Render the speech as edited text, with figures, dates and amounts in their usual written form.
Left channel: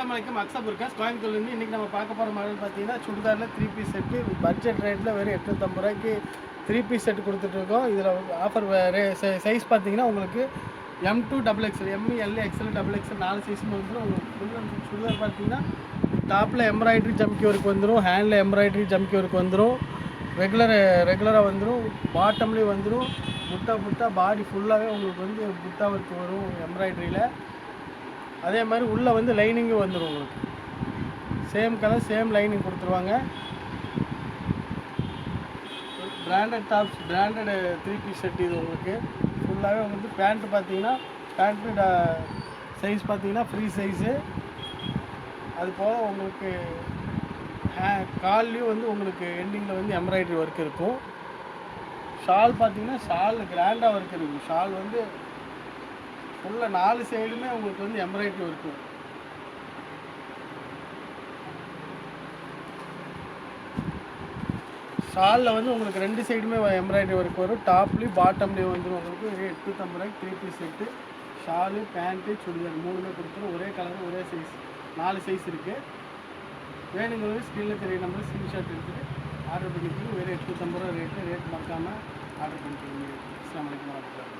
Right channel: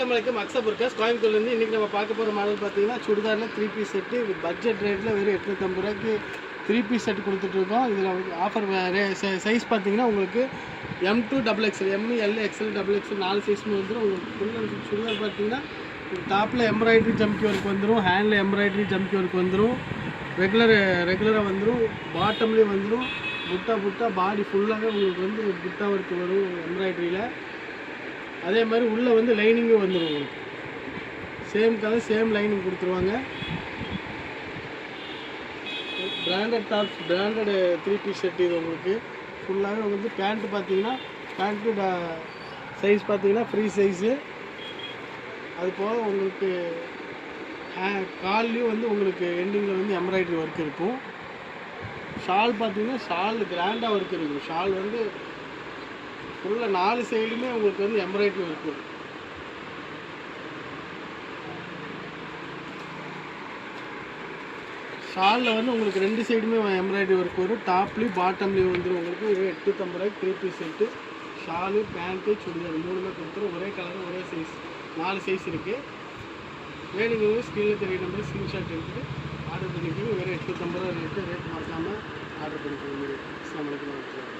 அஸ்ஸலாமு அலைக்கும் அக்ஸப் இருக்காஸ் கோயம்புத்தூர்லேருந்து இன்றைக்கி நம்ம பார்க்க போகிற மாடல் பார்த்தீங்கன்னா சுடிதாரில் 3 பீஸ் செட்டு பட்ஜெட் ரேட்டில் வெறும் 850 ரூபாய்க்கு 3 பீஸ் செட் கொடுத்துட்ருக்கோம். இதில் ஆஃபர் சைஸ் பார்த்தீங்கன்னா உங்களுக்கு M2 XXL M L XL XXL 4 சைஸுமே வந்துடும். உங்களுக்கு ஃபுல் அண்ட் ஃபுல் சுடிதார் பார்த்தீங்கன்னா டாப்பில் எம்ப்ராய்டரி ஜம்கி ஒர்க் வந்துடும், ஹேண்டில் எம்ப்ராய்டரி ஜம்கி ஒர்க் வந்துடும், ரெகுலராக வந்துடும், பாட்டம்லேயும் வந்துடும், புட்டா பாடி ஃபுல்லாகவே உங்களுக்கு வந்து புட்டா ஒர்க் வரும் எம்ப்ராய்டரியில். அதே மாதிரி உள்ளே வந்து லைனிங்கும் வந்துடும். உங்களுக்கு சேம் கலர் சேம் லைனிங் கொடுத்துருவாங்க. Branded tops branded 3 piece set இது உங்களுக்கு ஃபுல்லாகவே வந்து பேண்ட்டு பார்த்தீங்கன்னா பேண்ட்டு சைஸ் பார்த்தீங்கன்னா ஃப்ரீ சைஸு. அது போல் உங்களுக்கு கால்லையும் வந்து உங்களுக்கு எண்டிங்கில் வந்து எம்ப்ராய்டரி ஒர்க் இருக்கும். ஷால் பார்த்தீங்கன்னா ஷால் கிராண்டாக ஒர்க் இருக்கும். ஷால் வந்து ஃபுல்லாக 4 சைடுமே உங்களுக்கு வந்து எம்ப்ராய்டரி ஒர்க் வரும். ஷாலில் வந்து உங்களுக்கு 2 சைடுமே எம்ப்ராய்டரி ஒர்க் வரும். டாப்லேயும் பாட்டம்லேயும் வந்துடும். உங்களுக்கு 850 ரூபாய்க்கு 3 piece set shawl pant churidar 3மே கொடுத்துரும். ஒரே கலர் ஒரே சைஸ் 4 சைஸ் இருக்குது. வேணுங்கிறது ஸ்க்ரீனில் தெரிய நம்பர் ஸ்க்ரீன்ஷாட் எடுத்துகிட்டு ஆர்டர் பண்ணிக்கணும். வெறும் 850 ரூபா ரேட்டு மறக்காமல் ஆர்டர் பண்ணிக்கணும். அஸ்ஸலாமு அலைக்கும்.